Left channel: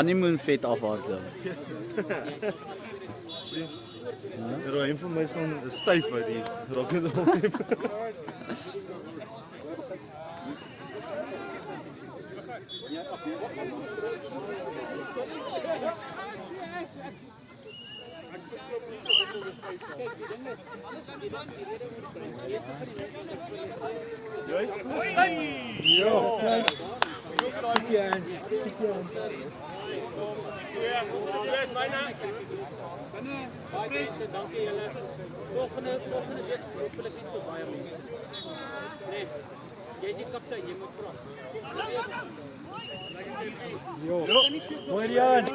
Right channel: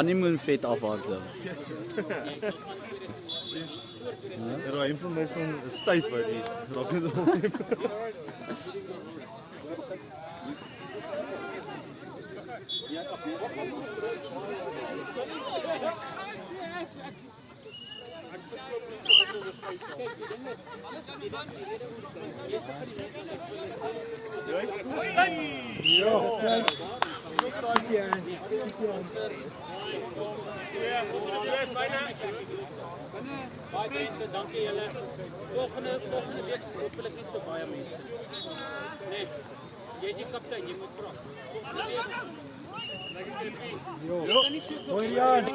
Honeymoon vet afhardloop. Een van my son is styf uit die rock'n'roll. Dankie julle. Volgende week hopelik nie so baie mense. Nee. Jy is die kaptein, jy moet praat. Mooi Jan.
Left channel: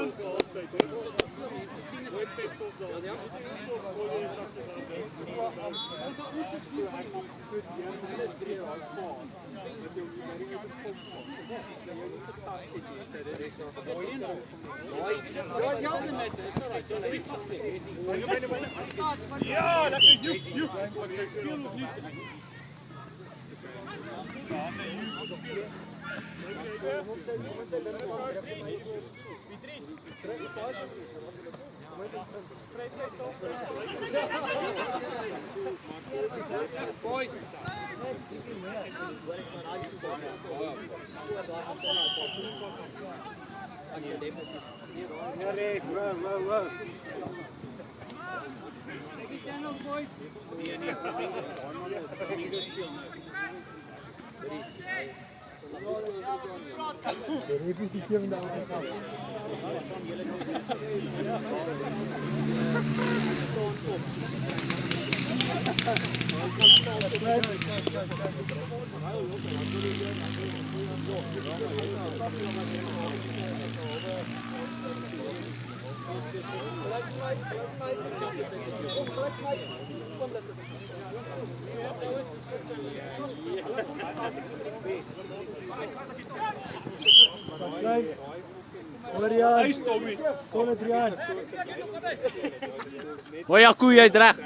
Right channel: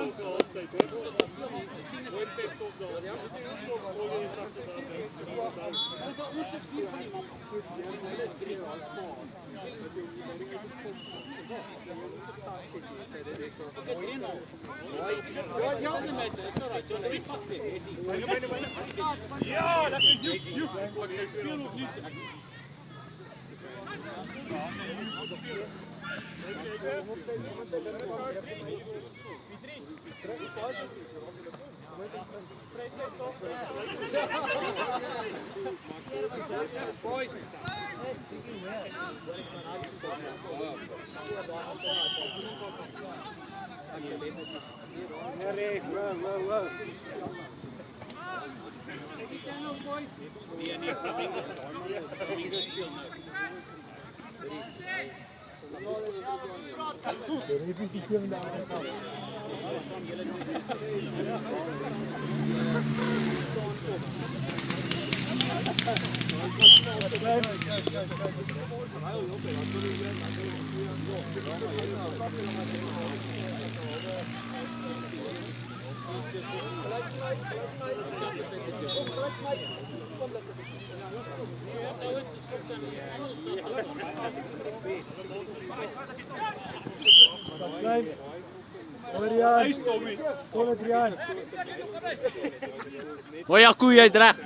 Hoi Jaco, jy is reg.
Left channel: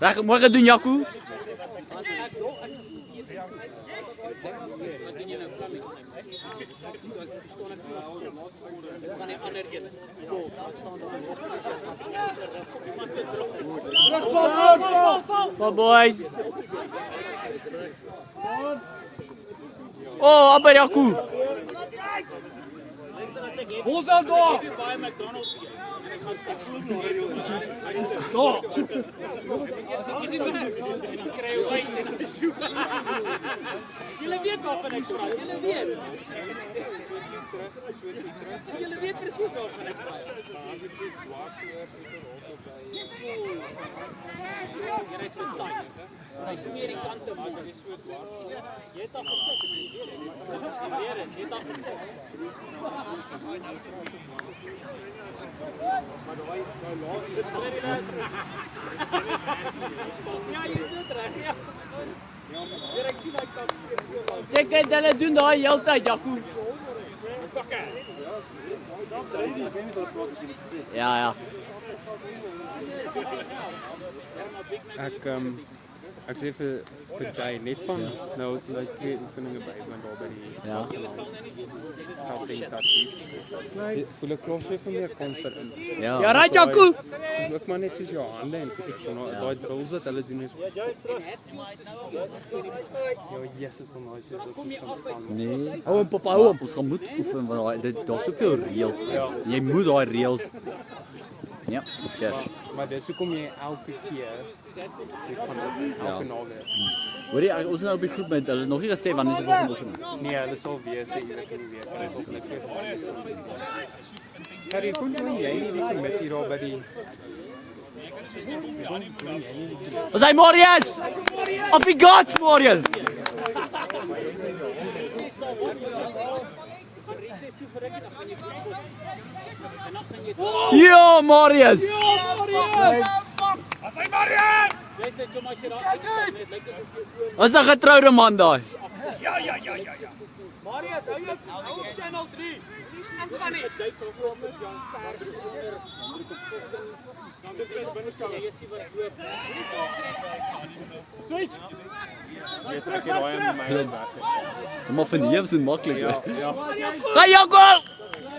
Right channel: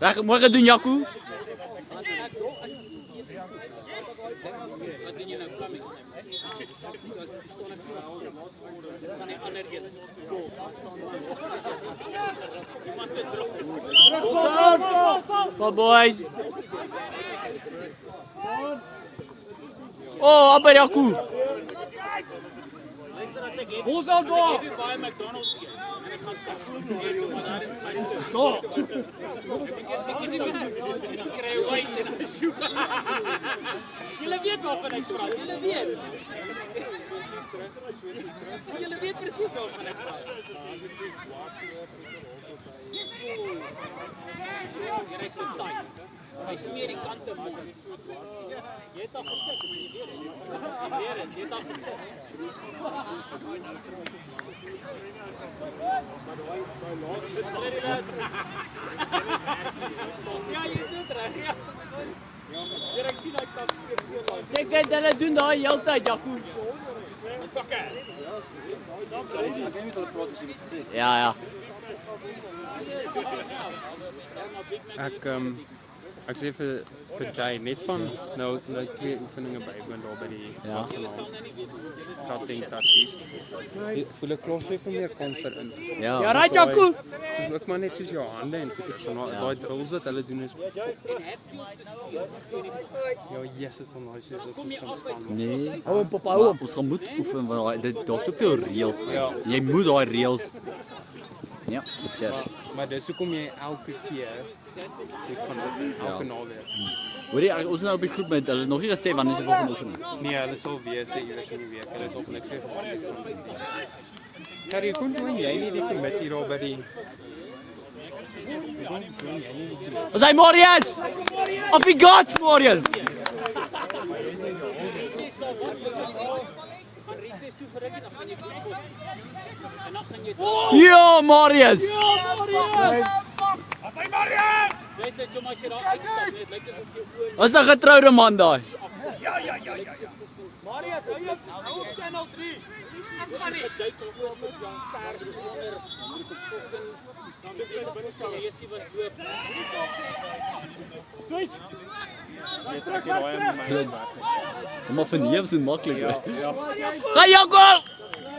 Reg, mooi gedoen Jaco. Well boys. Oh, aber Jaco. Hoe's nou daar? Baie McDonald's. Stop. Julle weet waarvan ek praat. Julle weet. Julle weet presies waarvan ek praat. Hy smeer die kante mooi. Jy het al gecheck, maar jy weet dit. Jy het al gecheck. Maar daai laat Check dit, hulle doen daai heeltyd Jaco. Ja. Ek sê vir Jay net van nou my twee oefeninge bywoon daar by die trotting tatties. Voel ek klos vir meer confident. Ja. Ja, right Jaco. Dis ook maar net soos jou hande en goed so daai drills wat hulle doen is. Ja, yes, it's so nice. Dis so span. Nee. Hou hom papa, hou hom. Ons gaan moet oefen want daar's soveel reëls. Jy moet daai reëls. Ja, cheers. Maar dis hoekom jy elke keer dit gaan oefen, elke naweek. Hoorie, ons is nou op die groep met hulle nog nie gesê wanneer is die volgende oefening. Nee, hulle sal wees iewers in die week. Hulle het op niks gesê. Harry, kon jy nie die kommissie daar by die Ons hy Marius! Of he got Marius! Ja, Marius! As hy Marius! Jy sê jy maar sy raak uitstap net, lyk asof jy Is 'n getroude man daai. Ja. Marius, hou jou op channel 3. Ek gaan nie duik oor met jou pers onder jy sien wat loop. Switch. Yes, ek het daai in my weg. Maar van hier is dit maklik. Ja. Ga Jaco!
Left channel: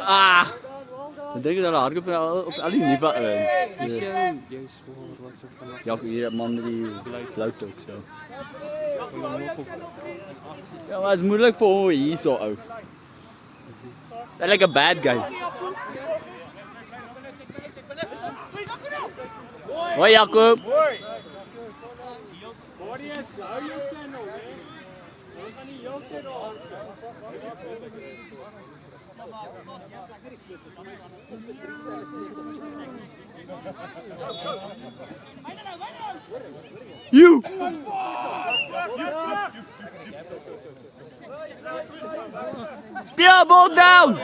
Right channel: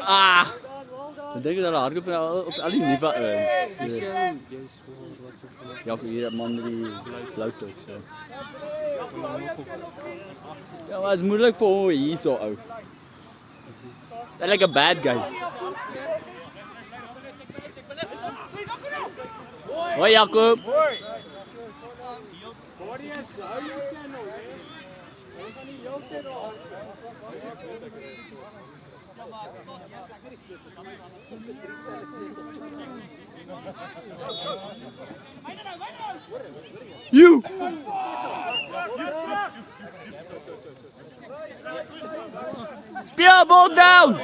Ah! Ik denk dat hij hardloop op al die nieuwe Dis ouens. jou, jy is swaar wat so vanaf Ja, die man met die bloute ook so. Ja, maar het is moeilijk voor hom hier zo ou. It's like a bad guy. Hoi Jacob. You. Speel ball down.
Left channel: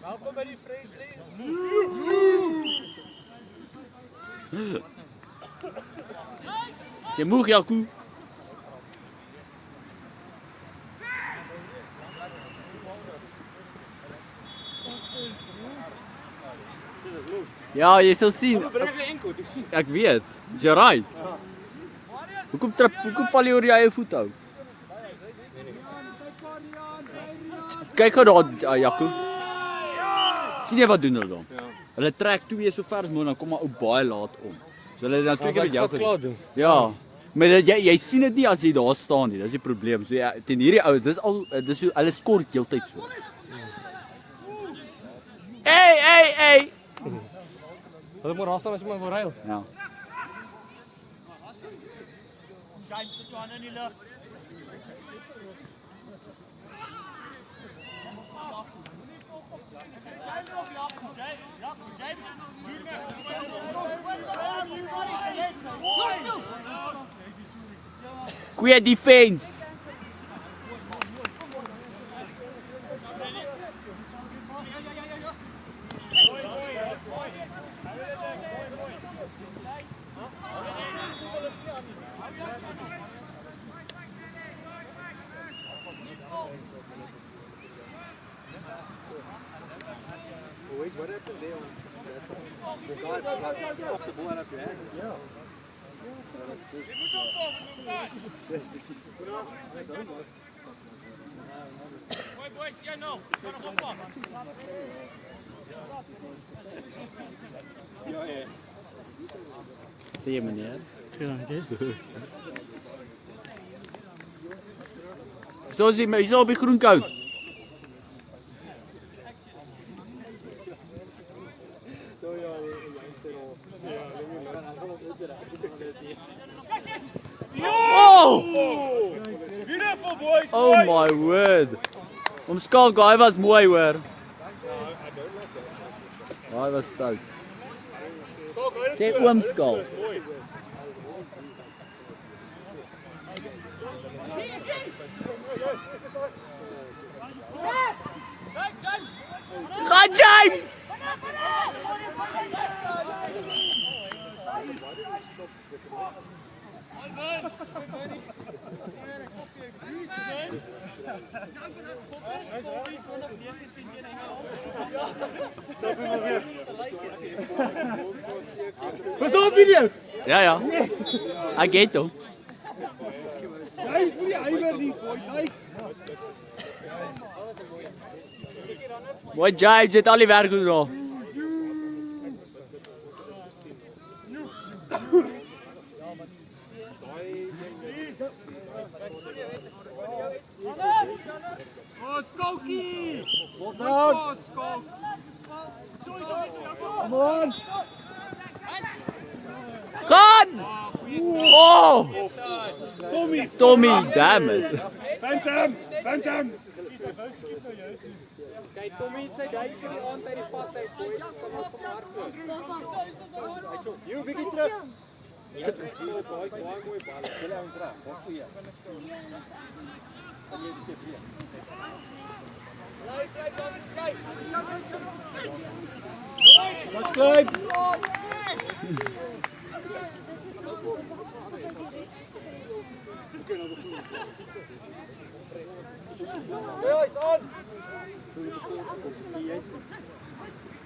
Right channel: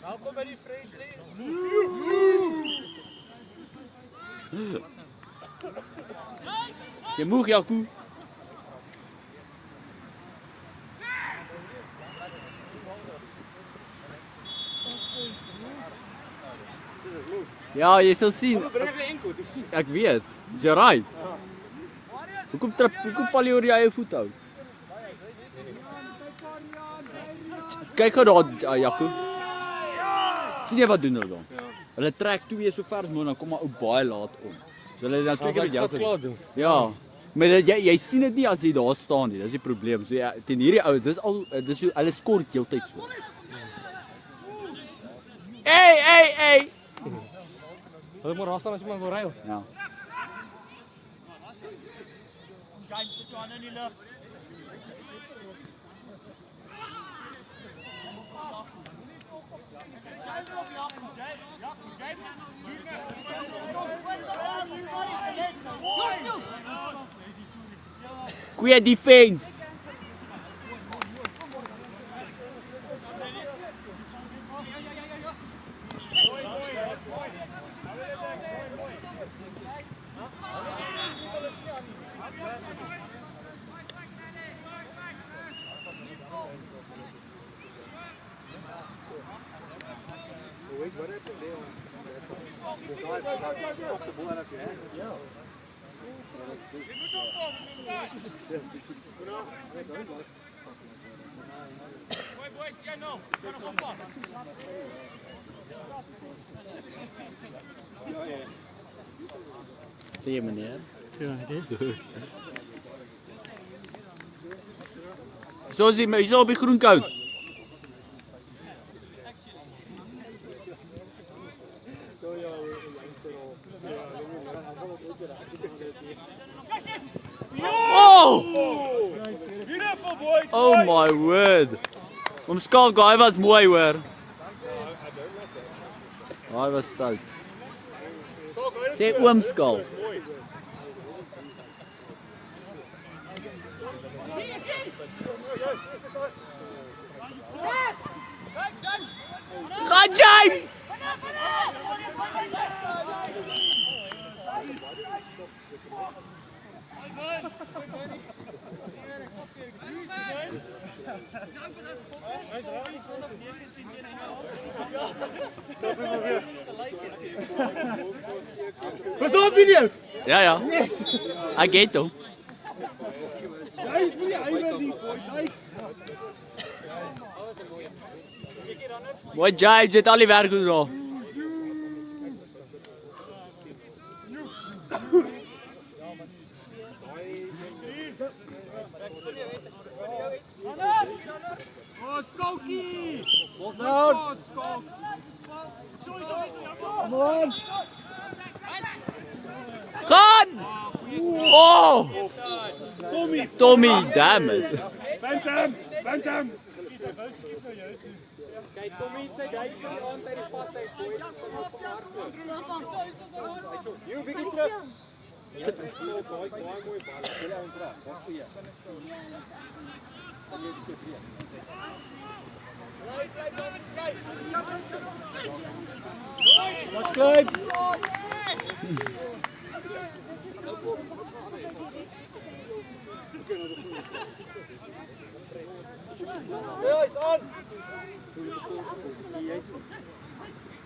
Welkom by die friendly. Is jy moeg Jacob? Ja, jy sal sien. Ek weet. Is jy right? Hoekom val jy oor jou eie voet ou? Kyk gou daar Jacob. Sien jy wat doen hulle dan? Hulle trek twee so ver as moontlik, dan kom maar ou baie laat om. So hulle dan twee keer met jou gedoen. Ja. Maar jy sien dit nie as jy daar staan nie. Dis die probleem. So ja, teen hierdie ouens, dis so hulle skort heeltyd so. Hey. Hulle moet raas staan as iemand wil ry. Ja. Goeie defense. Zie je meneer? Ja. Zo zie je zo op je groenkout. Oh! Oh my word. Omskaal guy was mooi hoor. Hy was stout. Sê oomskaal. Gaan James! Was dat video? Ja. I get hom. Mooi James, het al die werk gedoen. Gaan! Oh! Tommy, damn it. Kyk, Tommy het sy duik van die aand uit die pad uit. Jy bietjie terug. That's good.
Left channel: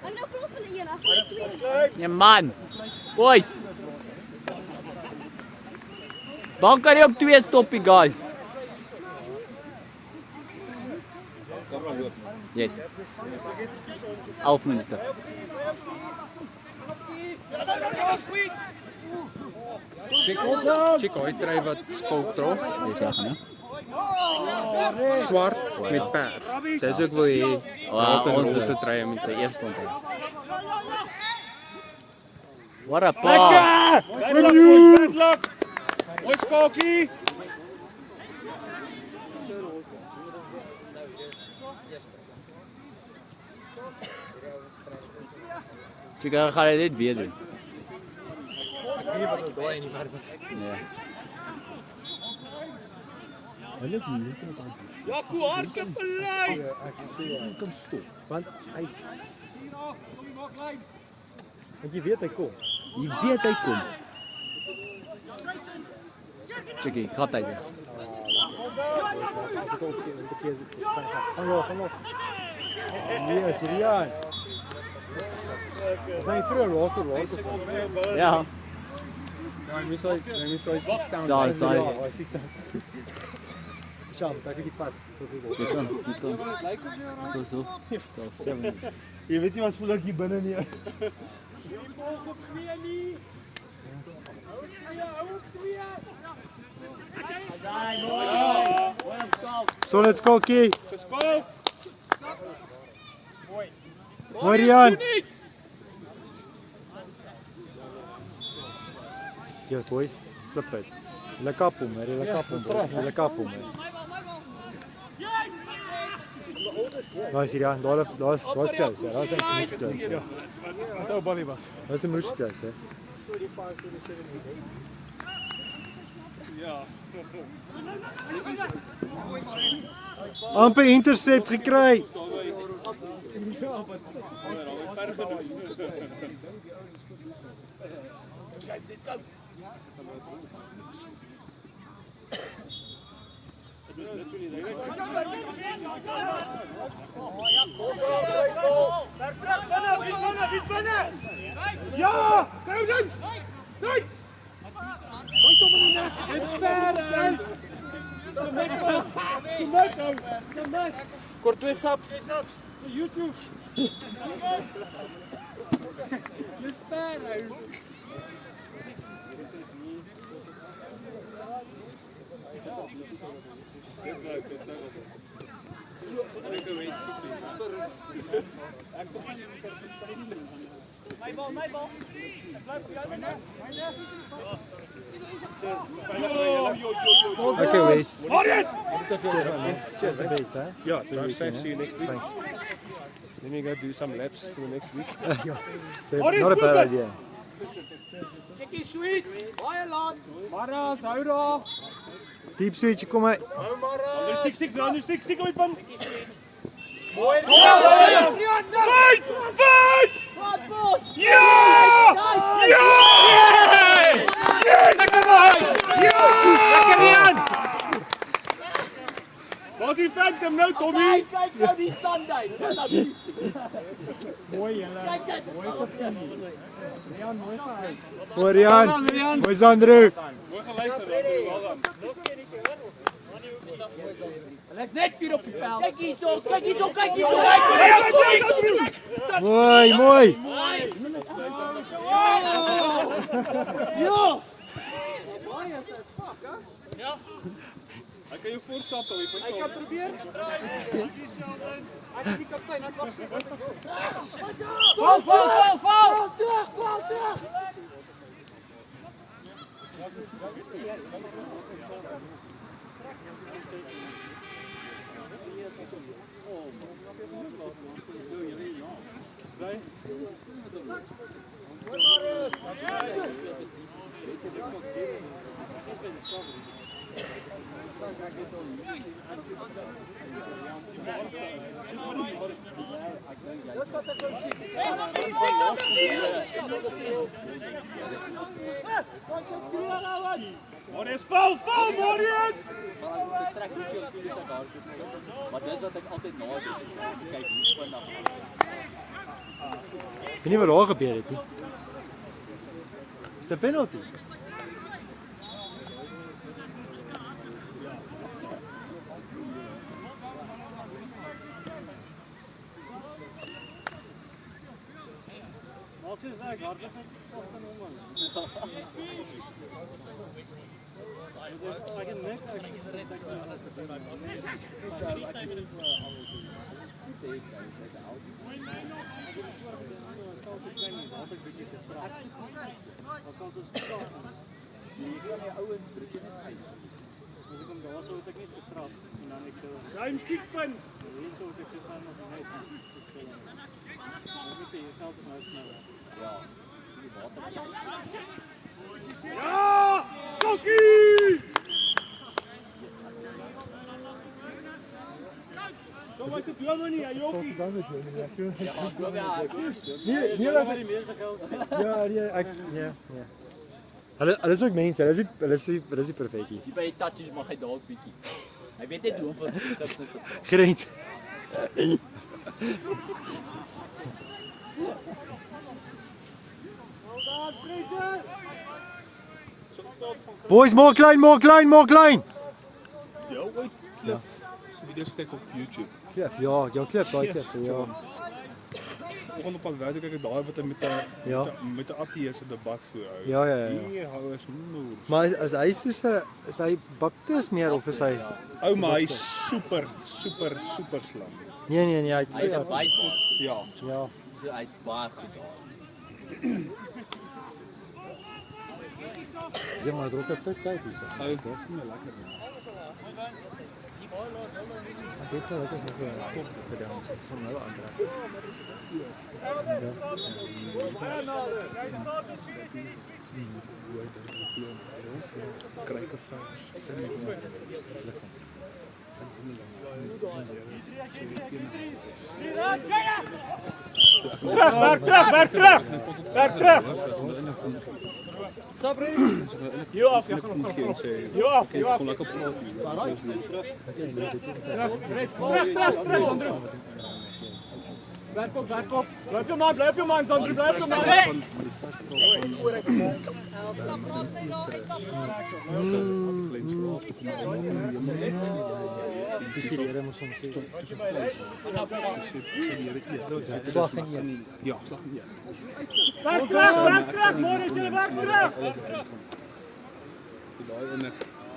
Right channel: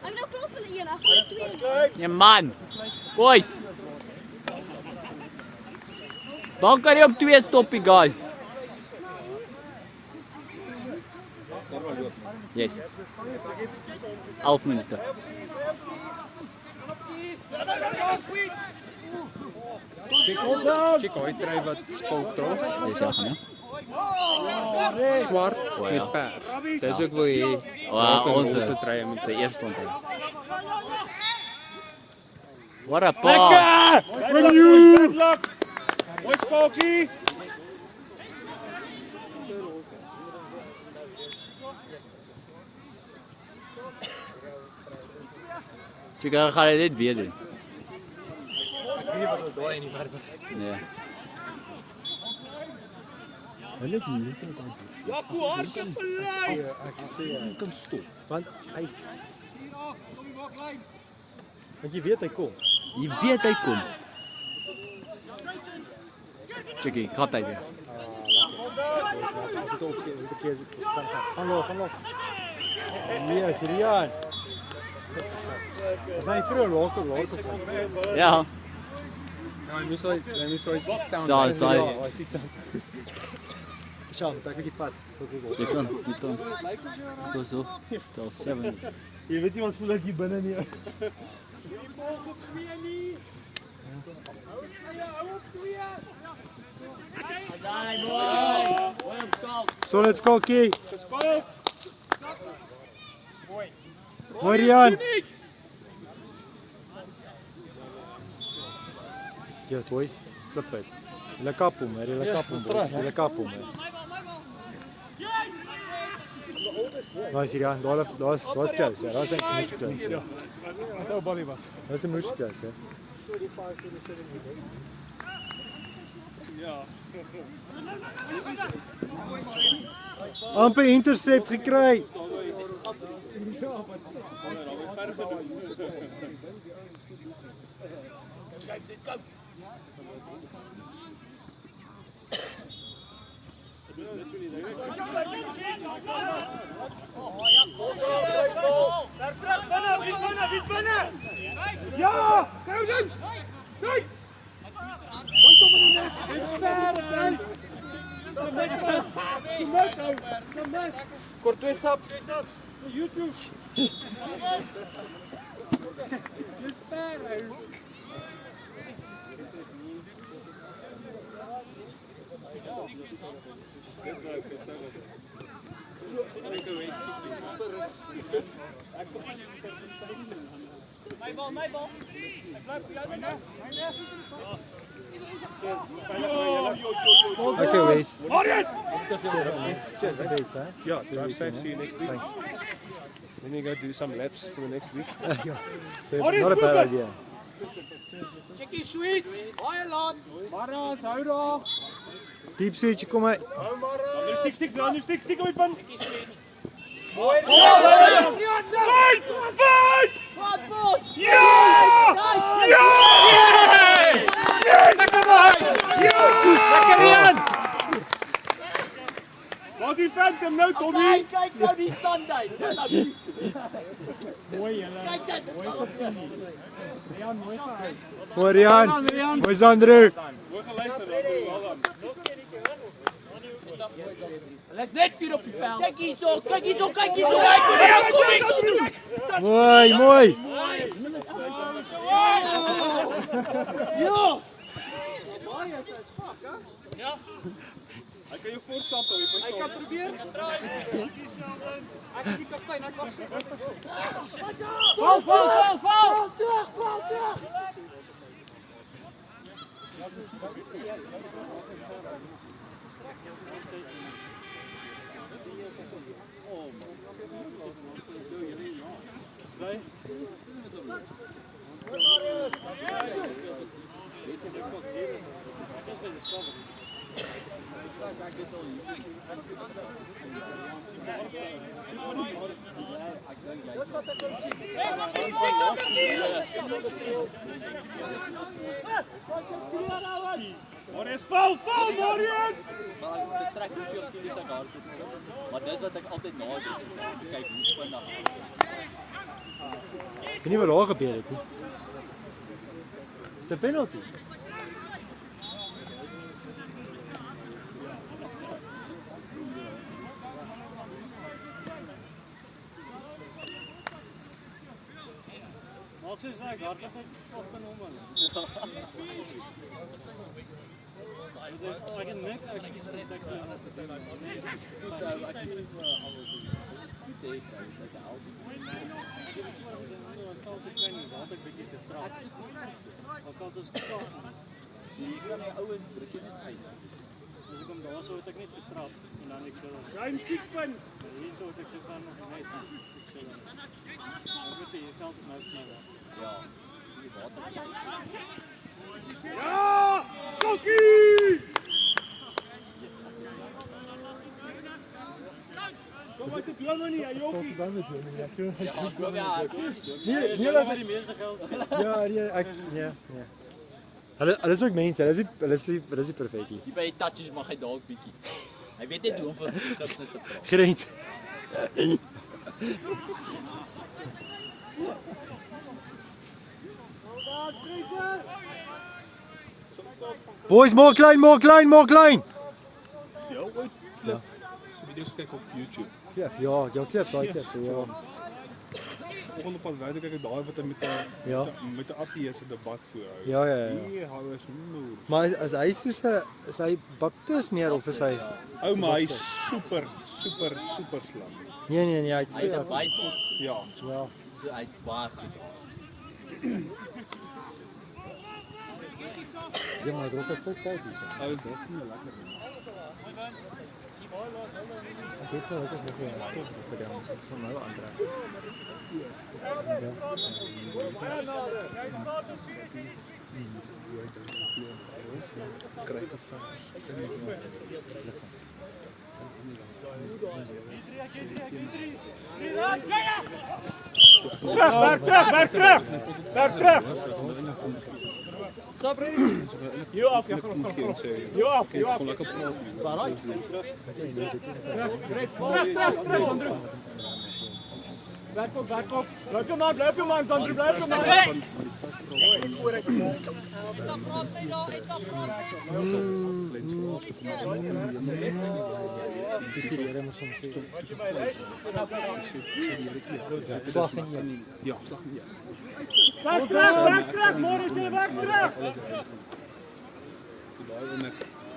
I'm nog klaar vir die een, ek het twee. Ja man. Boys. Dan kan jy op 2 stoppie guys. Yes. 11 minute. Check hoe trui wat skulk dra. Dis ja gaan ja. Swart met pers. Dis ook wil hê. Ons se trui met sy eerste ontmoet. What a pass. Oi Skalkie. Chica gaan dit net weer doen. Weet wat ons daai in die werk was. Ja. Hulle het nie dit aan. Ja, toe hartjie verlei. Ek sê kom stop, want hy's want jy weet hy kom. Jy weet hy kom. Chickie, gat hy weer. As dit op sien, dit keer is gaan op. Nee, is Rian. Is hy vir rook of rook? Ja. Maar nie so 6 down. Saai. 6 down. Sjaan, ek het die pad. Dit kan. Dis so. Dit is 7. Jy weet nie wat voel ek hier binne nie. Solid Skalkie. Mooi Rian. Ja, boys, flip it. Hulle kap hom, hulle kap hom, boys. Hulle kap hom. Nice Rian, daar's close, ja. Daar's eintlik close. Ja. Wat ou balie was. Dis 'n moes close, hè. Amper intercept gekry. Ja, kom dan. Sien. Kom kom in net. Dis ver. Kom net. Kort 2 sap. Vir YouTube. Dis ver. My bal. Okay, Wes. Marius! Cheers, the best, hè? Yeah, drive safe. See you next week. Then we go do some laps for the next week. Ja. So not a bad idea. Checkie sweet. Baie laat. Maras, hou daar. Deep switch, kom uit. Stik uit punt. Mooi. Lekker Rian. Waar is die Phantom nou, Tommy? Kijk nou die standaard. Mooi julle. Mooi gefinie. Rian, mooi gehou. Mooi Rian. Mooi Sandro. Let's net 4 op die veld. Kijk hier zo, kijk hier zo, kijk hier zo. Mooi, mooi. Ja. Hy kan jou voorsampel, jy Hy kan probeer. Ek is die kaptein, ek wag. Marius, val, Marius! Maar dis wat ek altyd na kyk hoe vinnig. Weet nie wat daar gebeur het nie. Is dit 'n penalty? Wat is ek? Hardloop net op en om. Dis ek het niks actually so dat ek Ruim stiekpunt. Hierso ek sê van net. Ek moet sê jy sal nou sneller. Ja! Skokkie! Kom maar, ek glo nie, jy ook nie. Dan met jou, nee, Nee, laat die meeste geld. Ja, nee, ek ja. Hulle is ook mense, hulle is nie perfekkie. Hier by die touches mag hy dalk bietjie. Hy weet net hoe om van gips te praat. Grens. Boys, more klein. Jy ooit klif so video's kyk op YouTube. Klif, ja, klif, daai klif, ja. Volgende pas weet ek daai wat hy Ja. met 'n ateïste debat voorhou. Ja. Nee, hy is moer. Maar is hy soos 'n is hy baptis meer of is hy Ou maar hy's super slim. Nee, hy Hy is 'n baie goed. Ja. ja. So hy's baie goed. Ja, maar druk op pas kyk hier. Hy is baie lekker. Ek weet nou ek het nog 'n kop vir hom, so nou aantrek. Ja. Kruike vars. Lekker. Werk terug. Hier af, ja. Hier af. Kon lekker praat hier. Werk op. Blijf je man, Sandro, blijf je man. Slag in Ja, slag nie. Werk terug, Morris, werk terug. Daai ene.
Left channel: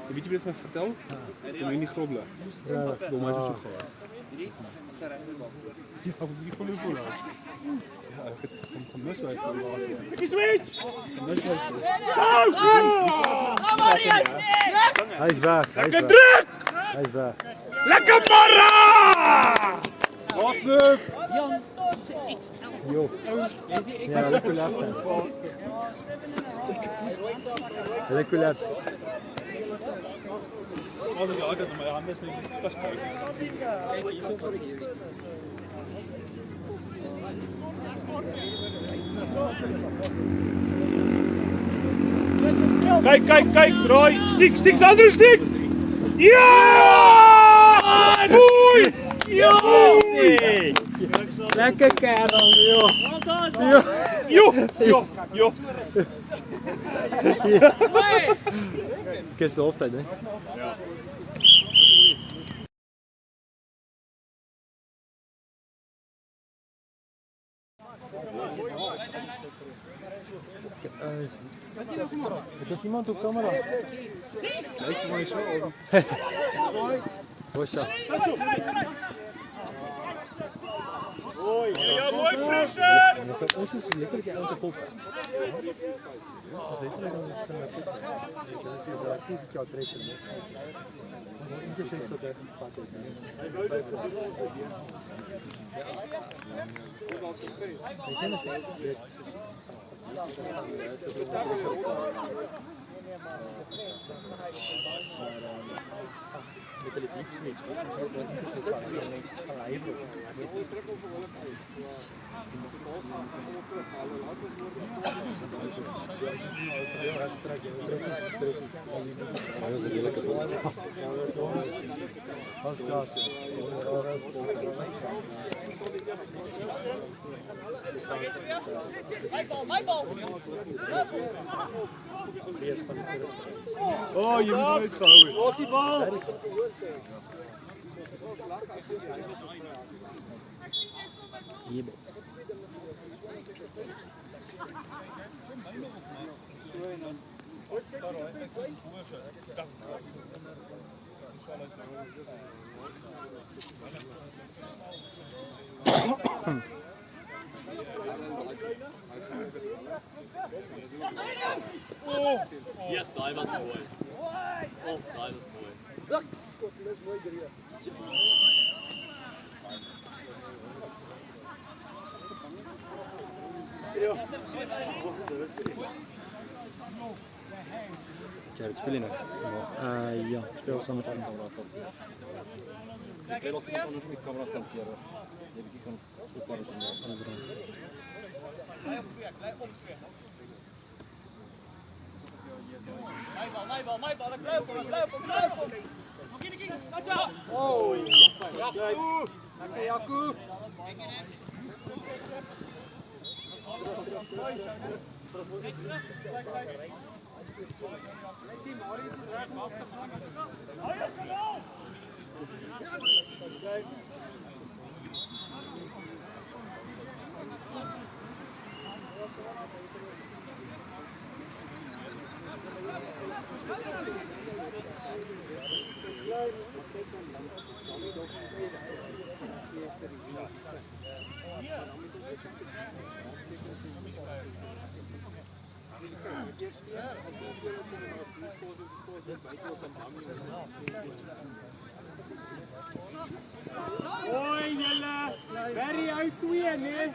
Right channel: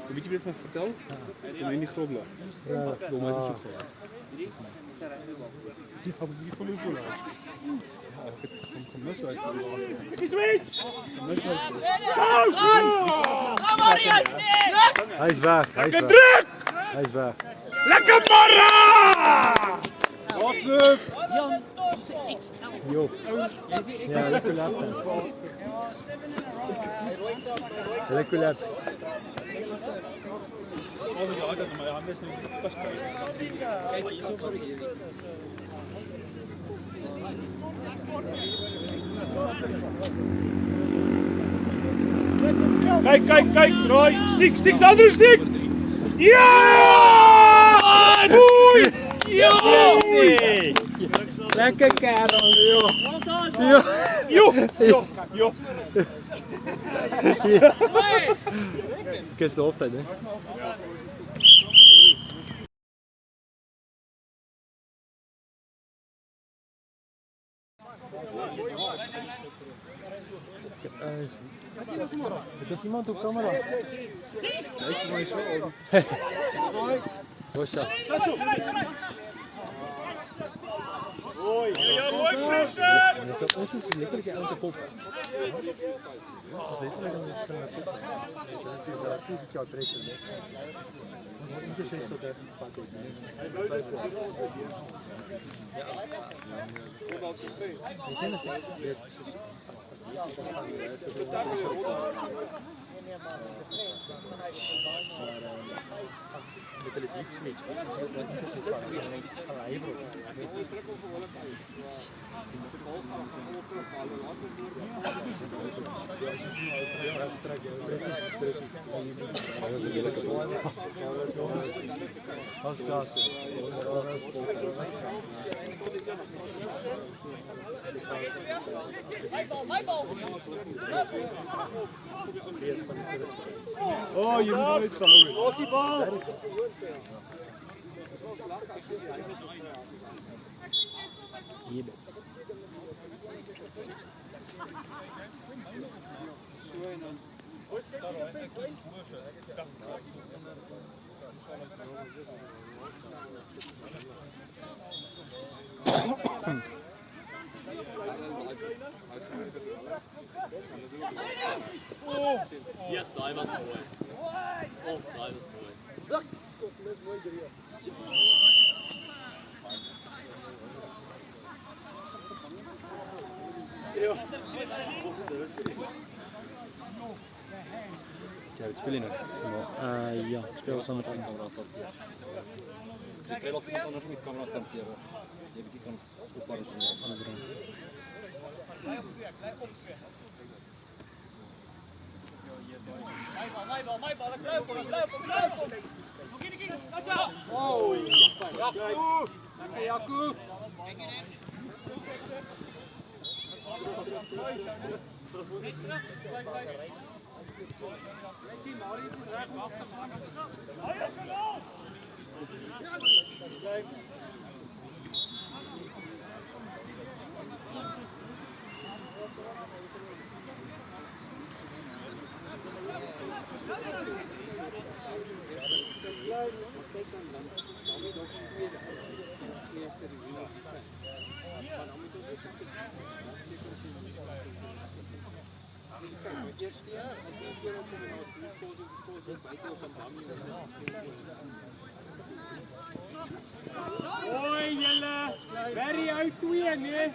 Weet jy wat my vertel? Ja. In die grobla. Ja. Dom het so gehad. Die gaan nie glo nie. Ja, ek het gemis hy. Ek switch. Hy's weg. Lekker druk. Hy's weg. Lekker barra. Losloop. Jo. Ja, lekker lap. Lekker lap. Maar ja, dat my hande is nie pas kyk. Kyk hierso vir hier. Kyk, Roy. Stiek, Sandro, stiek. Ja! Boei! Ja! Lekker kerel, joh. Jo. Dis die hoofdtyd, hè? Het is iemand op camera. Ik moet zo. Bosja. Ons is letterlijk onze top. Als je dan is van de top. Dat is een goed calculation. Maar in de zin dat er pad is. Met de liefde, als klasse. Oh, je moet het houden. Los die bal. Yes, daai was mooi. Oh, daai was mooi. Dis mooi gereed. Ja, ik speel je nog. Ja, ik speel samen met anderen. Ik wil of iemand anders met camera tenteren. Ik kan goed alles doen. Hoi julle, Barry uit 2 nee.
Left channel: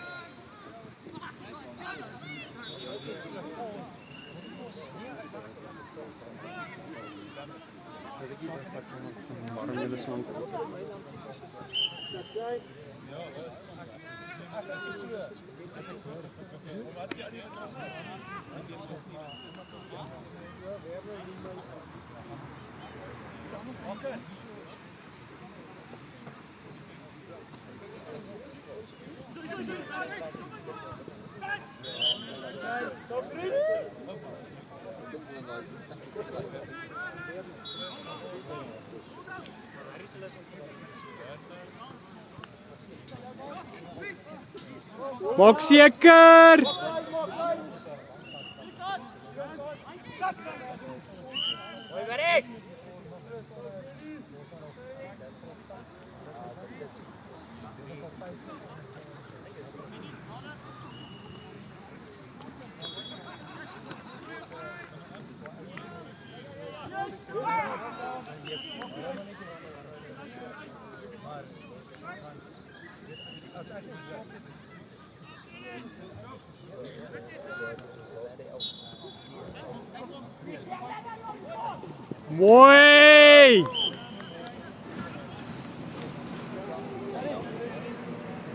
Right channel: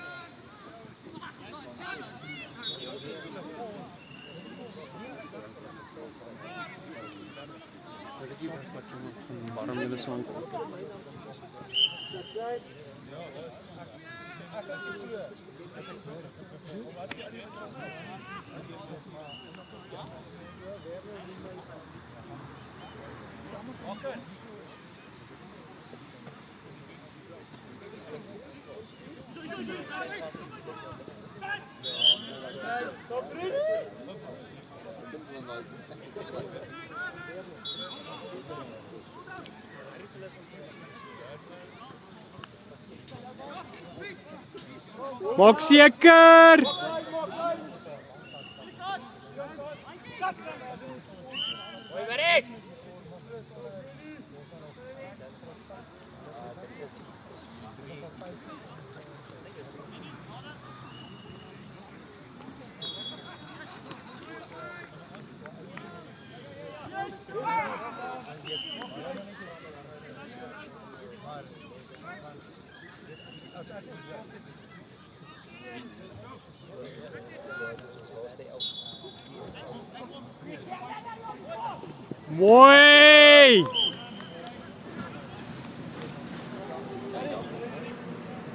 Maak seker. Mooi!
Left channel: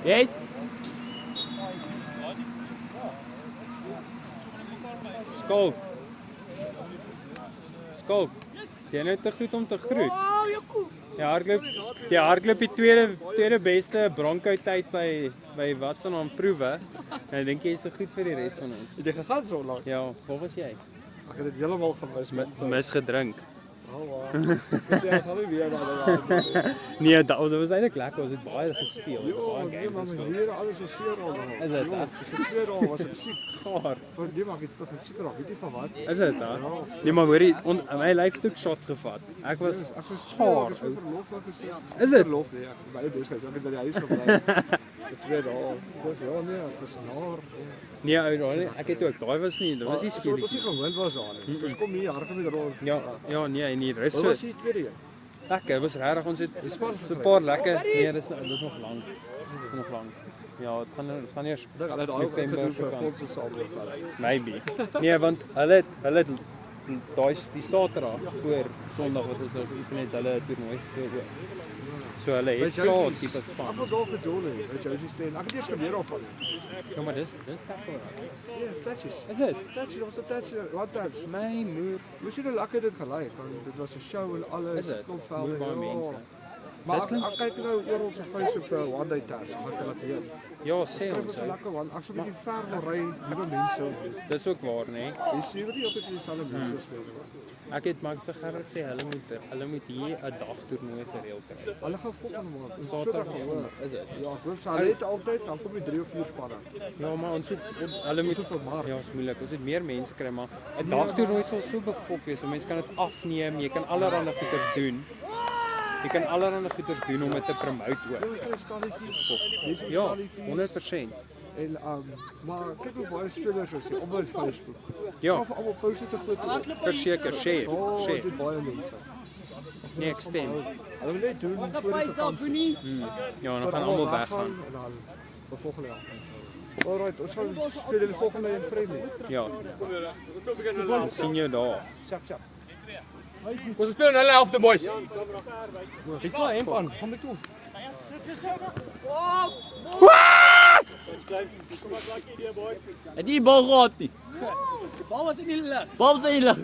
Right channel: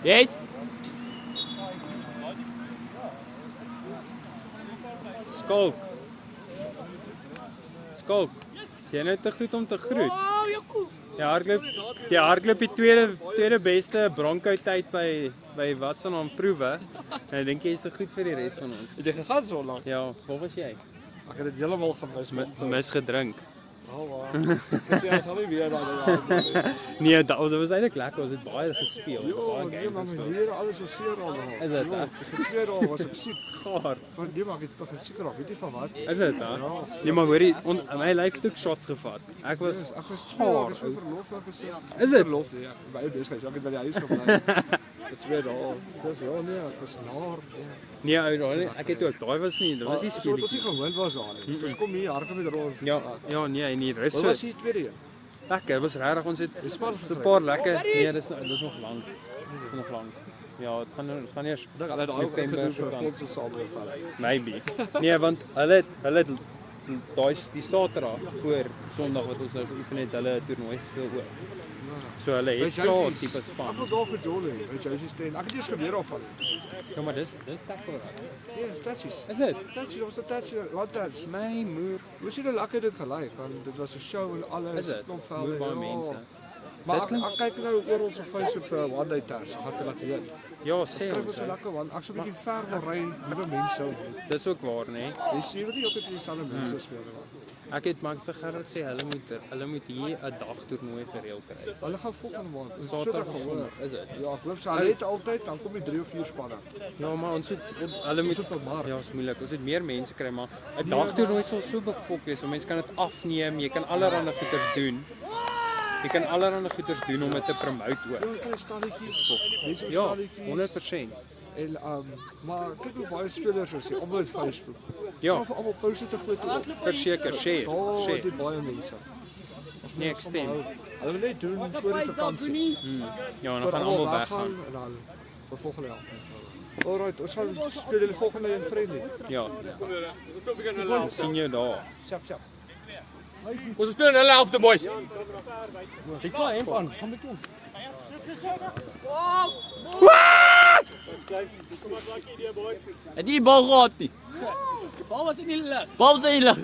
Yes. Skalk. Skalk. Jy nou te goed om te groet. Ja, hardloop die tweede beste Bronco tyd by Watson aan proewe. En ek dink jy is te goed vir die res van ons. Het jy gegaan so lank? Ja, waar was jy? Ek het dit heeltemal gemis. Mis gedrink. Nee, dat was eintlik lekker. Ons het baie gespeel. Baie games gespeel. Hier alles was seer al. Is dit? Vir 2 dae was ek siek. Gaar. Voor die maar ek het van seker af, weet jy van wat? Is dit hè? Nee, maar hoorie, my lyf het ook shots gevat. Ek was gaar. Ek het verlof al gesê. Is dit? Verlof, ja. By die Deeskus, ek het by die huis gebly. Vir 2 dae. Dis ja nee, ek was naar. Nee, ou, daai ek het ook. Daai was nie, dit was nie Dis speletjies. nie gewoond was aan nie. Dis kom hier hardop met rol. Ja, nee, nie, dis Dit so was die tweede een. lekker. Was regtig ons het so 'n paar lekker. Nee, dis nog lank. Dis nog lank. Ja, dit gaan eers Dink hulle het November vir gekom. fondse saam gevat. Maybe. Nee, want hulle het daai die Saterdag voor Sondag wat ons nou oefen het, hulle 'n toernooi gespeel ook. So hulle het klaar tipe Ek span. was daar vir Jolie, weet jy, hy's steen. Ek het eers geleer af van. Ja, maar dis tackle. Ja, tatjies. Is dit? Tatjies, ons het tatjies, wat tatjies. My moer. Jy sien hoe lekker dit gelyk, want dit was 'n show en alles. Is dit? Klomp velde, Baie ja. mense. Maar ek kyk nou oor ons Facebook vir one day ters, en ek kan dit weet. Ja, sê Dit ons. is Hè. lekker want ek so 'n bietjie ver gaan ry, nuwe mense. Dis ook waar, né? Jy sien wat jy altyd in dieselfde mense speel. Ek het maar vir Gerard sê hulle moet hier 'n dag toernooi gereël kry. Hulle gaan volgende maand. Saterdag of Sondag, is dit? Ja, ek glo sy het altyd dan kom jy 3 of 4 spanne. Ja, maar ons het hulle moet ja, is moeilik. Ons het meer mense kry, maar 'n dagtoernooi sal so befok wees. Mense kan dit afneem, jy kan allerlei goeders doen. Jy kan allerlei goeders doen om dit te promote ook. Jy stalletjies. Ja, 100%. En maar kyk hoe baie spelers is op my Facebook. Ja, Of almal post dit 'n foto. verseker, share. Dit baie mense. Nee, ek stem. Hulle net doen voor die vakansie. Ja, dan gaan almal weggaan. En dan vir volgende jaar. Alright, ons sal speel die volgende in Friendly. Ja. Dan sien jou daar. Sjap sjap. Ons speel in hulle helfte, boys. Ek klaar hemp aan. Kom met toe. Het nie bal gehad nie. Bal was in die lug. Bal was in die lug.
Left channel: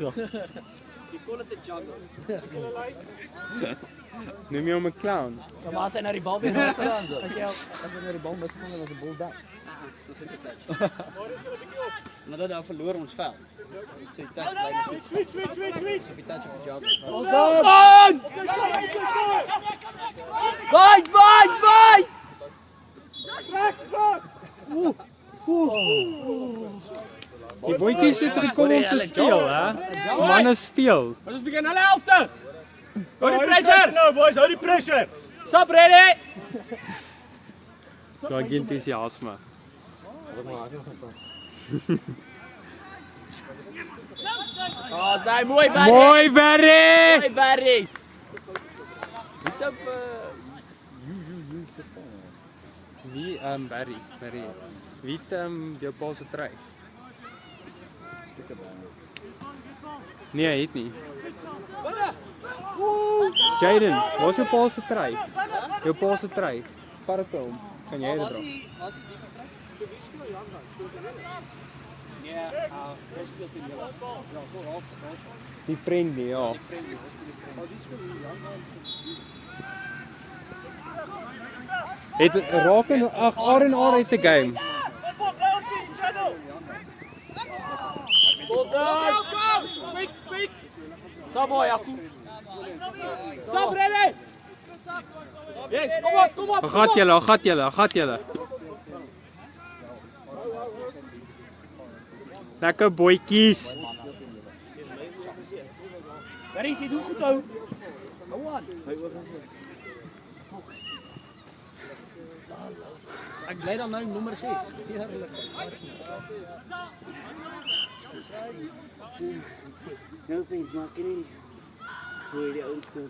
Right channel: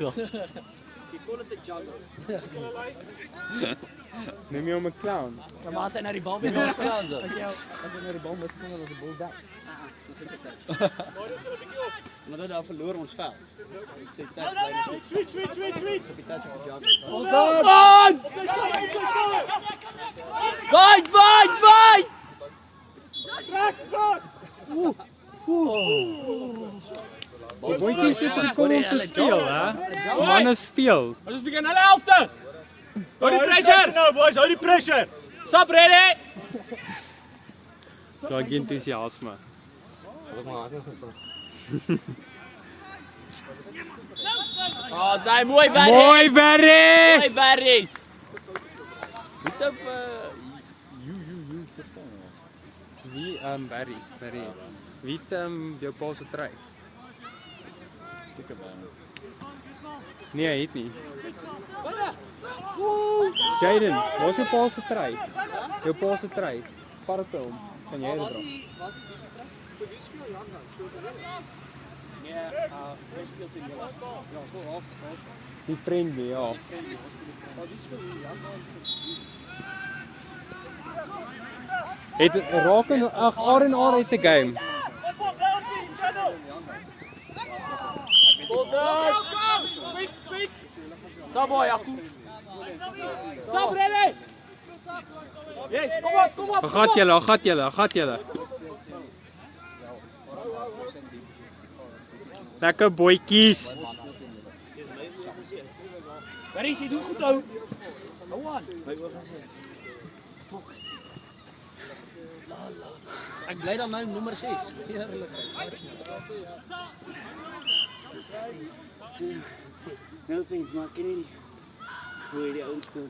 Neem jy om 'n clown? Ja, maar as hy na die bal weer mis gaan so. As hy na die bal mis gaan, dan is 'n bal back. Nadat hy verloor ons veld. Ek sê dit bly net so. So die touch op die jog. Wait! Die boetjies het gekom om te speel, hè? Manne speel. Ons begin hulle helfte. Hou die pressure. Nou boys, hou die pressure. Stop ready. Daai entoesiasme. Oh, daai mooi werk. Mooi werk. Mooi werk. Wie Barry. Wie het jou pa se trui? Nee, hy het nie. Jaden, waar is jou pa se trui? Jou pa se trui. Vat dit hom. Kan jy dit dra? Die Friendly, ja. Het raak ag R&R het 'n game. Sabo, Jaco. Stop ready. Yes, kom op. Gat julle. Lekker boetjies. Waar is hy? Doen goed ou. Go on. Ek bly dan nou nommer 6. Heerlik. Nou vind maar ken nie hoe die ou speel.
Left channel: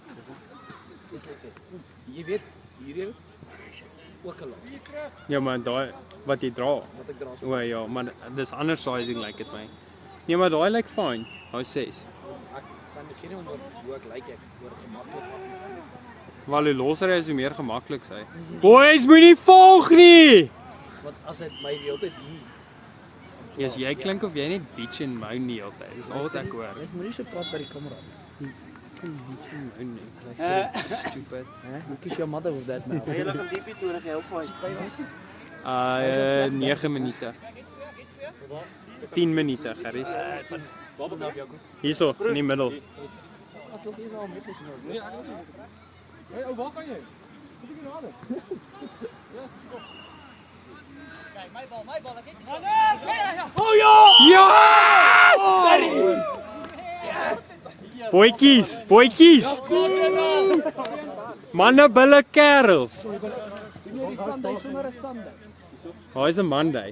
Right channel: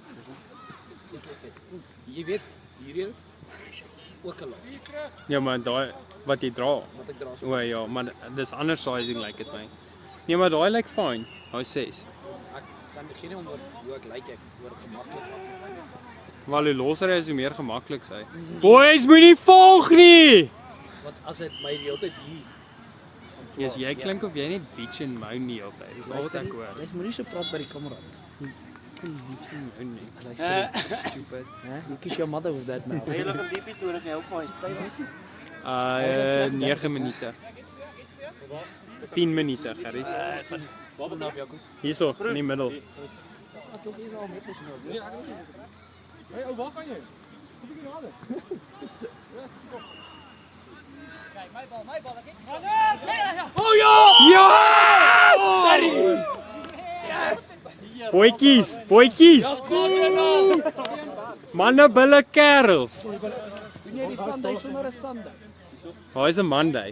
Jy weet, hier is ook 'n lot. Ja, maar daai wat jy dra. Wat ek dra. O ja, maar dis ander sizing like dit my. Nee, maar daai lyk fyn. Daai 6. Ek kan begin om hoe ek lyk ek word gemaklik. Maar hoe losser hy is, hoe meer gemaklik sy. Boys, moenie volg nie. Want as ek my die hele tyd hier Yes, jy klink of jy net bitch en moan die hele tyd. Dis al wat ek hoor. Ek moet nie so praat by die kamera. Kom bitch en moan nie. Stupid. You kiss your mother with that now. Jy nog 'n diepie nodig help my. 9 minute. 10 minute, Gerries. Hierso, in die middel. Hey, oh, waar gaan jy? Kom ek nader. Boetjies, boetjies. Manne bulle kerels. Doen jy die Sunday sommer 'n Sunday? Waar is 'n Monday?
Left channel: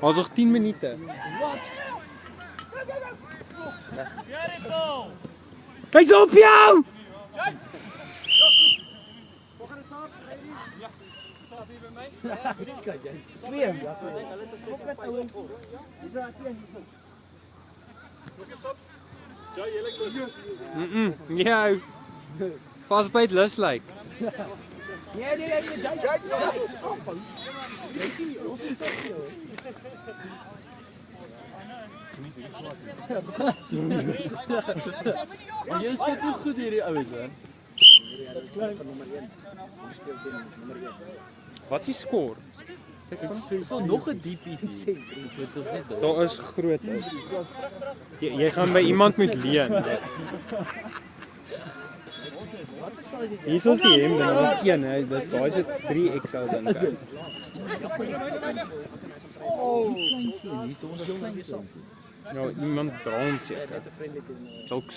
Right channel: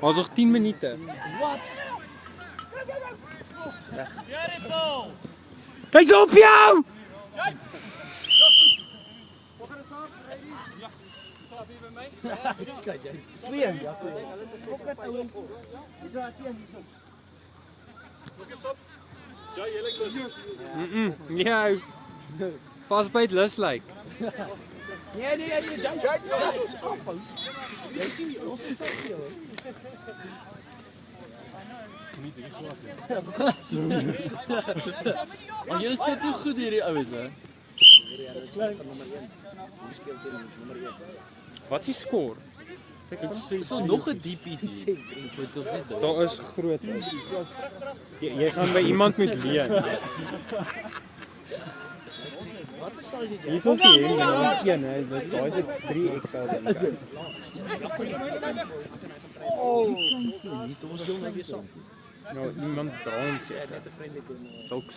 Ons nog 10 minute. Hy's op jou. Ja. Vasbyt lus lyk. Nee, jy sien nie ons is Maar jy is net te goed hierdie ouens hè. Wat is die skor? Is daar nog 'n DP? Daar is groot is. Jy gaan by iemand moet leen. Hier is ons die hemde, nou is een, hè. Daar is dit 3XL dan. Nou, iemand dra hom seker. Dalk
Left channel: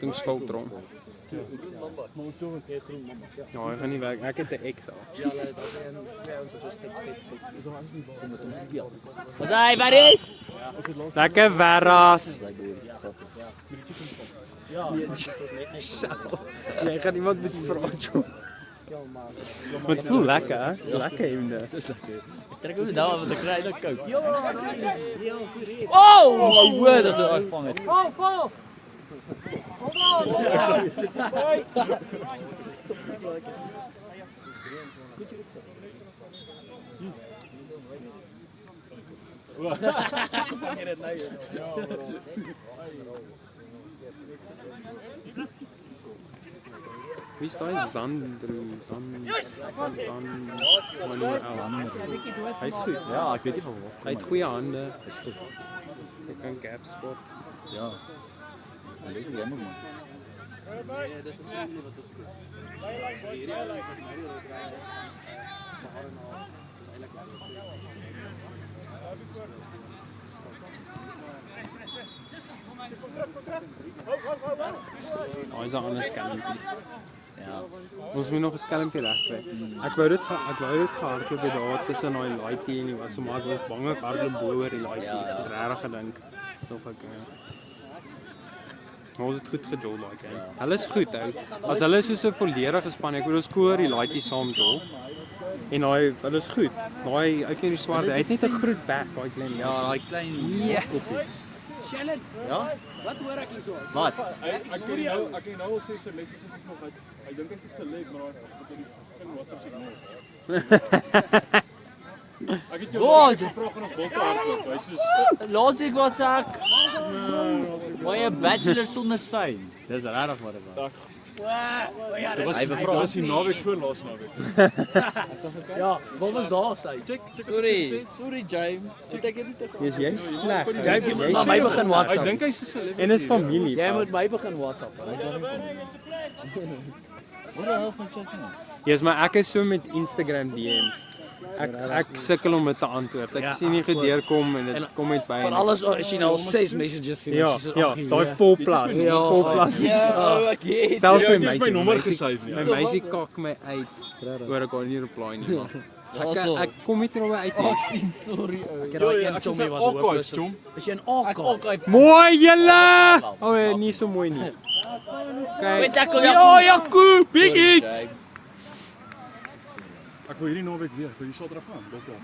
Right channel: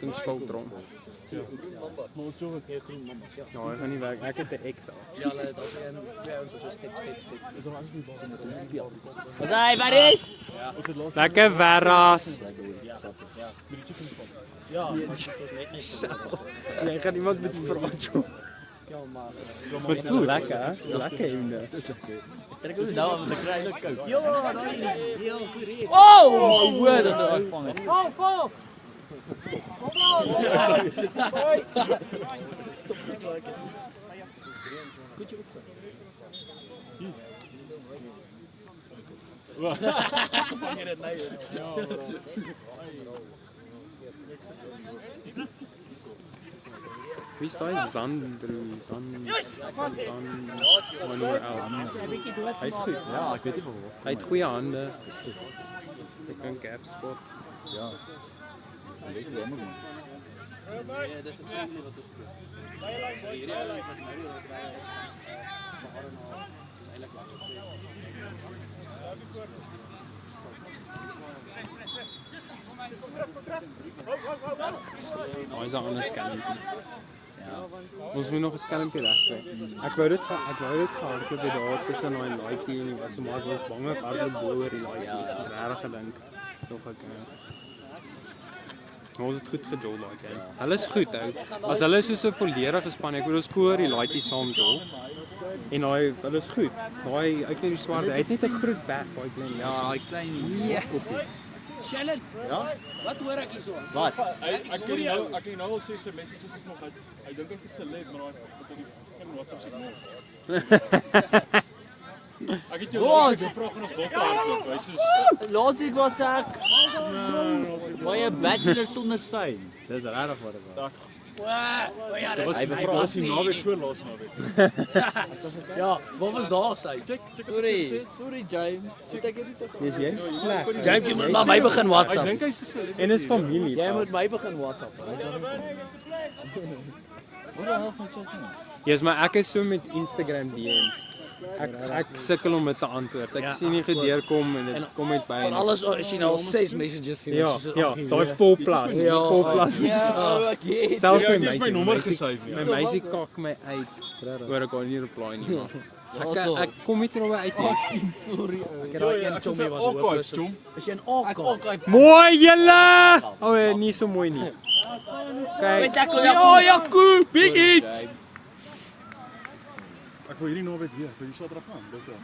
ding skuld rond. Nou, ek gaan nie werk. Ek het 'n XL. Hey, buddy. Lekker verras. Jy gaan iemand met vra toe. Wat voel lekker, hè? Lekker hemde. Trek ons nou met 'n klein kook. Oh, hoor, dis reg van het. Val! Wie is daai Zandru? Wanneer ou. Hy's goed. Ja, ek weet nie van wat. Hy het goeie hande. Hy kan gap spot. Ja. Dis jammer nie. Hy's 'n ander skelmpie. Ons moet nog 'n skelmpie regkry. Ek wou dit gehardloop by daar tussen daai laaitjie en die wat so maar ons bang ek hardloop bo oor die laaitjie. Regtig gedink nog ek ons het goed gejol daai keer. Hulle is goed ou. As hulle soos 'n volledige span, ek bedoel ons koor die laaitjie saam jol. En hulle is goed. Daai ou klein swart, hy het net 'n groot bek, daai klein. Ja, daai klein Yes. Shannon, Ja? wat hoor ek hierso? Wat? Ek kan nou al sê sy messages is nog uit. Ek dink hy's 'n celeb, maar ek in WhatsApp se nou. Ek het jou gevra van ons dokter. Hy sê Laas ek was ek. Baie bachelor sonder sein. Dis regtig wat ek wou. dit was die naweek voor laas naweek. Ja, wat was daar sy? Check Sorry James. Ek het nie te Dis jy sleg. James, jy moet my begin Ek WhatsApp. dink hy's 'n celeb. En is familie. Jy moet my begin WhatsApp. Yes, maar ek is so met Instagram DM's. Ek sukkel om dit te antwoord. Ek sien nie gedeurkom en dit kom net by. Van alles as jy nou al 6 messages sien. Ja, daai vol plus. Vol plus. Selfs my Jy het my meisie. nommer gesave nie. My meisie kak my uit oor ek kan nie reply nie, maar ek kom net oor uit nie. sorry ou. Ek het daai een chommy wat hoop is. chom. Is jy 'n AK? Mooi julle. O, nee, nie so mooi nie. Kyk. Ja, Jaco, big hit. Ek wil hierdie naweek weer, vir die Saterdag gaan. Dokter.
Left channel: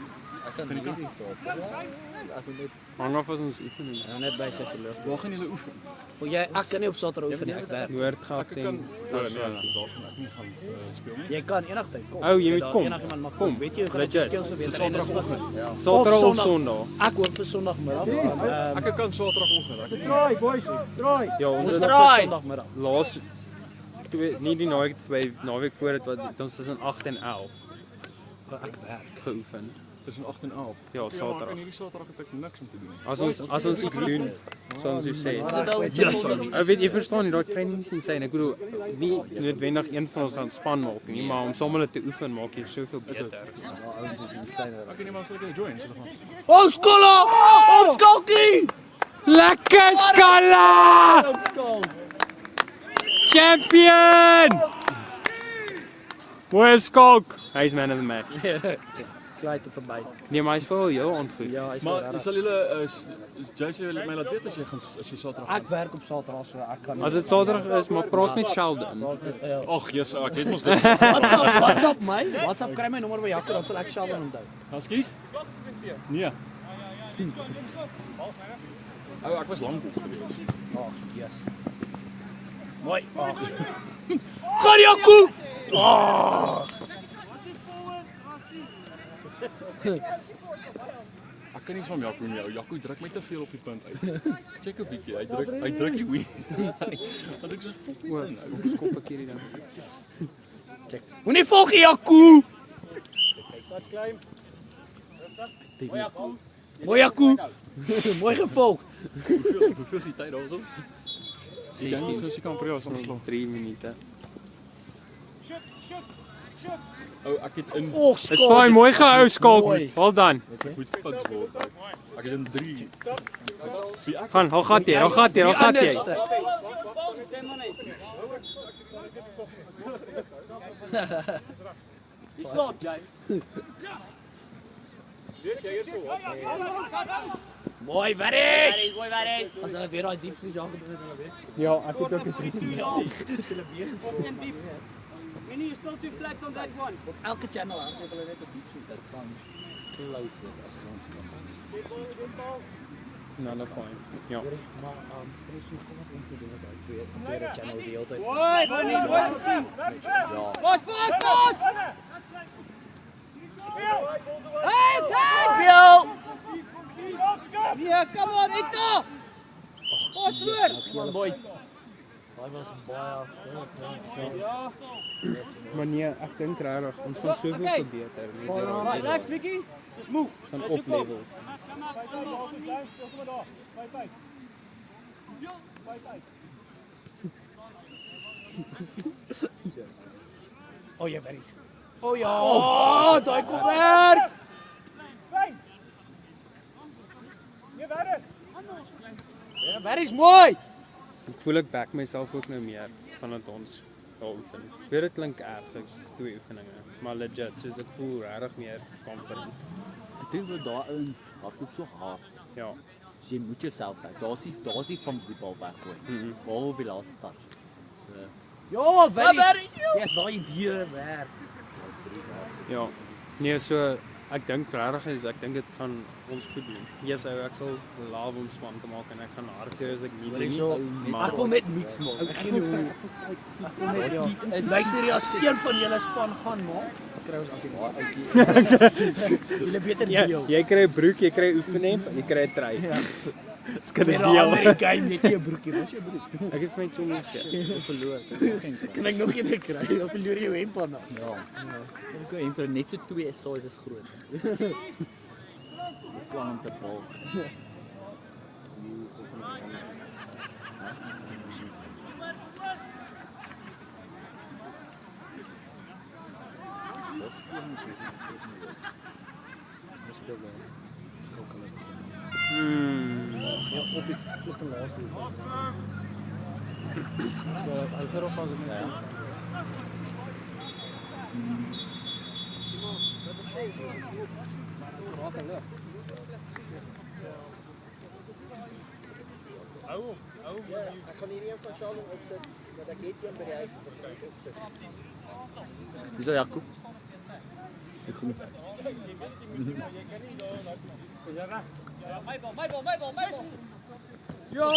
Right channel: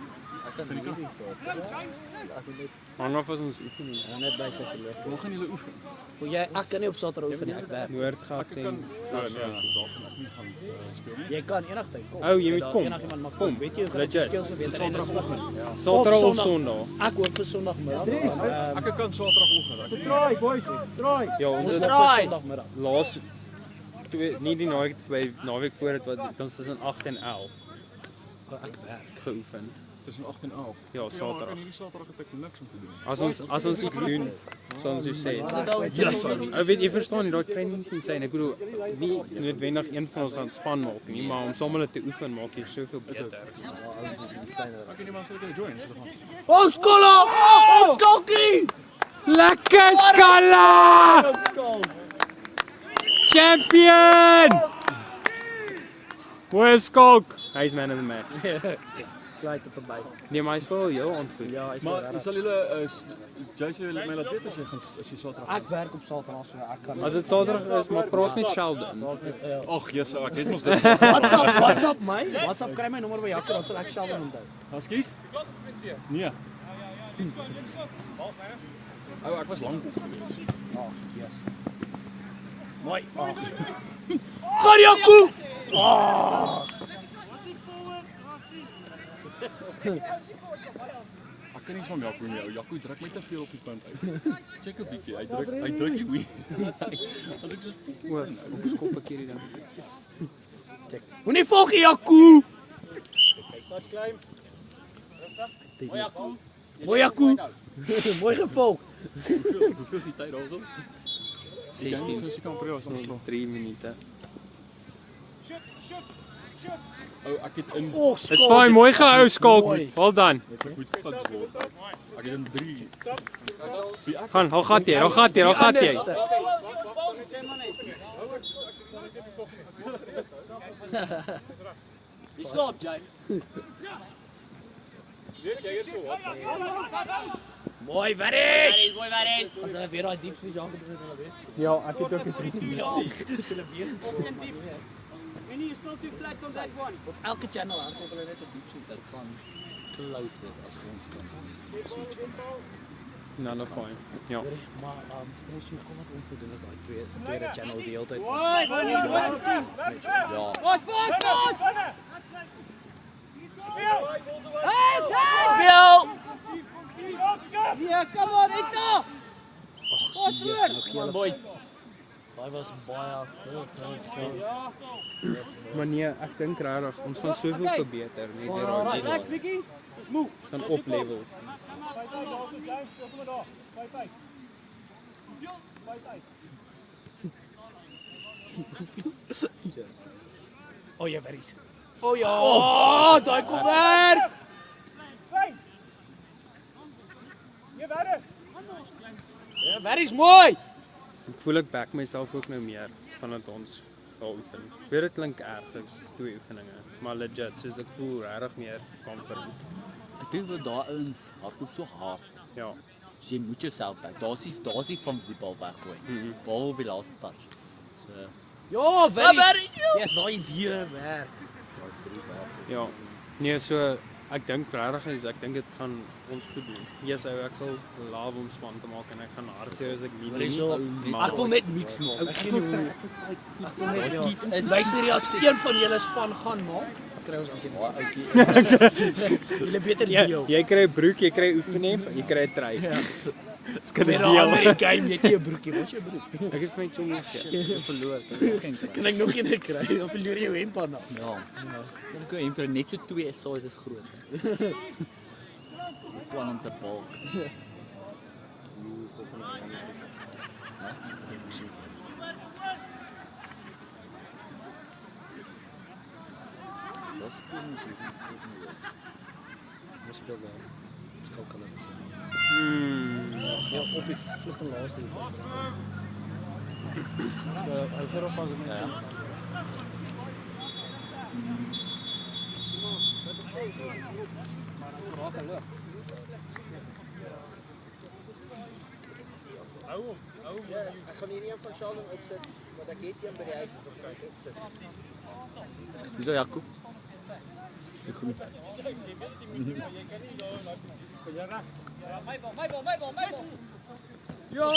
Hang af as ons oefening. Net by sy verloor. Waar gaan julle oefen? Ek kan nie op Saterdag oefen nie, ek werk. Noordgat en Nee, daar gaan ek nie gaan speel nie. Jy kan enigtyd kom. Ou, jy moet kom. Enigiemand mag kom. Weet jy hoe groot die Legit. skil is? Saterdag vlug. Saterdag of Sondag. Sondag. Ek hoop vir Sondagmiddag. Ek kan Saterdagoggend. Draai, boys. Draai. Ja, ons Ons het draai Sondagmiddag. laas nie die naweek by naweek voor dit wat ons tussen 8 en 11. geoefen. Tussen 8 en 11. Ja, En Saterdag. hierdie Saterdag het ek niks om te doen. As ons iets doen, sal ons dit sê. Weet jy verstaan, daai training is insane. Ek bedoel, nie noodwendig een van ons gaan span maak nie, maar om saam hulle te oefen maak jy soveel beter. Ek weet nie maar sal ek join. So dan Oh, Skolla! Oh, Skalkie! Lekker Skalla! Champion! Mooi Skalk. Hy's man of the match. Kleite verby. Nee, maar hy's wel heel aangoed. Ja, hy's maar sal julle is Jason my laat weet as jy gaan as jy Saterdag. Ek werk op Saterdag, so ek kan As dit Saterdag is, maar praat net Sheldon. Ag, Jesus, ek weet mos dit. WhatsApp my. WhatsApp kry my nommer by Jaco, dan sal ek Sheldon onthou. Ekskuus? Nee. Oh, ek was lank. Yes. Mooi. Ag. Gaan Jaco! Ek kan nie van Jaco nie. Jaco druk my te veel op die punt uit. Check 'n bietjie. Hy druk die wie. Wat ek so O, ek skop 'n keer die ding. Moenie volg Jaco! Mooi Jaco! Mooi gevolg. hoeveel is die tyd daarso? 16. So kan probeer was nog. 3 minute. Oh, ek het in Is fyn, mooi gehou Skalk. Well done. goed fix word. Ek het in 3. Gaan, hou gat jy. Slaap jy? Mooi Varys! Mooi Varys! As hulle weer daai diep vries aangedoen het, dan weet. Ja, ek het ook 'n 3. Hulle weer Minnie, you still too flat on that one. Op elke channel hardloop hulle net 'n diep soet uit van close as ons kan. Nou, nou fyn. Ja. Maar kom ons kom wat ons doen is uit tweede channel die hele tyd. Hoi, Bonnie, wat sien? Pas! Hey, tag! Veel! Ja, kom maar, Rita! Pas voor! Geel boys. Daai was baie Maar nee, ek dink regtig ons gaan soveel verbeter met hierdie Relax, Vicky. Dis move. gaan oplevel. Oh ja, Varys. Oh ja. Oh, daai kom werk. Ja, Varys mooi. Ek voel ek back myself ook nou meer vandat ons daar oefen. Ek weet dit klink erg, dit is 2 oefeninge, maar legit, soos ek voel regtig meer confident. Ek dink dat daai ouens hardloop so hard. Ja. So jy moet jouself kyk. Daar's nie van die bal weggooi. Bal op die laaste touch. So Ja, Varys. Yes, daai diere werk. Ja. Nee, so ek dink regtig ek dink dit gaan ons goed doen. Yes, ek sal laaf om span te maak en ek gaan hardseer as ek nie doen nie. Maar Ek wil net mix maak. Ek gee nie Luister jy as een van julle span gaan maak, kry ons eintlik baie uitjie. Julle beter deel. jy kry 'n broek, jy kry oefenhemp, jy kry 'n trui. Dis kan dit Deel. deel. Die game net nie 'n broekie, wat is jou broek? Ek het vir my chommies gegee. Verloor. Kan ek nog een kry? Of verloor jy jou hemp aan? ja. Ek gou hom net so 2 sizes groot. Ek plan om te bal. Dis plan hier. Ons speel nou. Ons kan dit sê. Ja, op die flippende laaste. Hou gerop as ek net. Ek gaan hierdie een van Sheldon opsit, dat ek net een by die huis opsit. Dis al Jaco. Ek groen. Ja!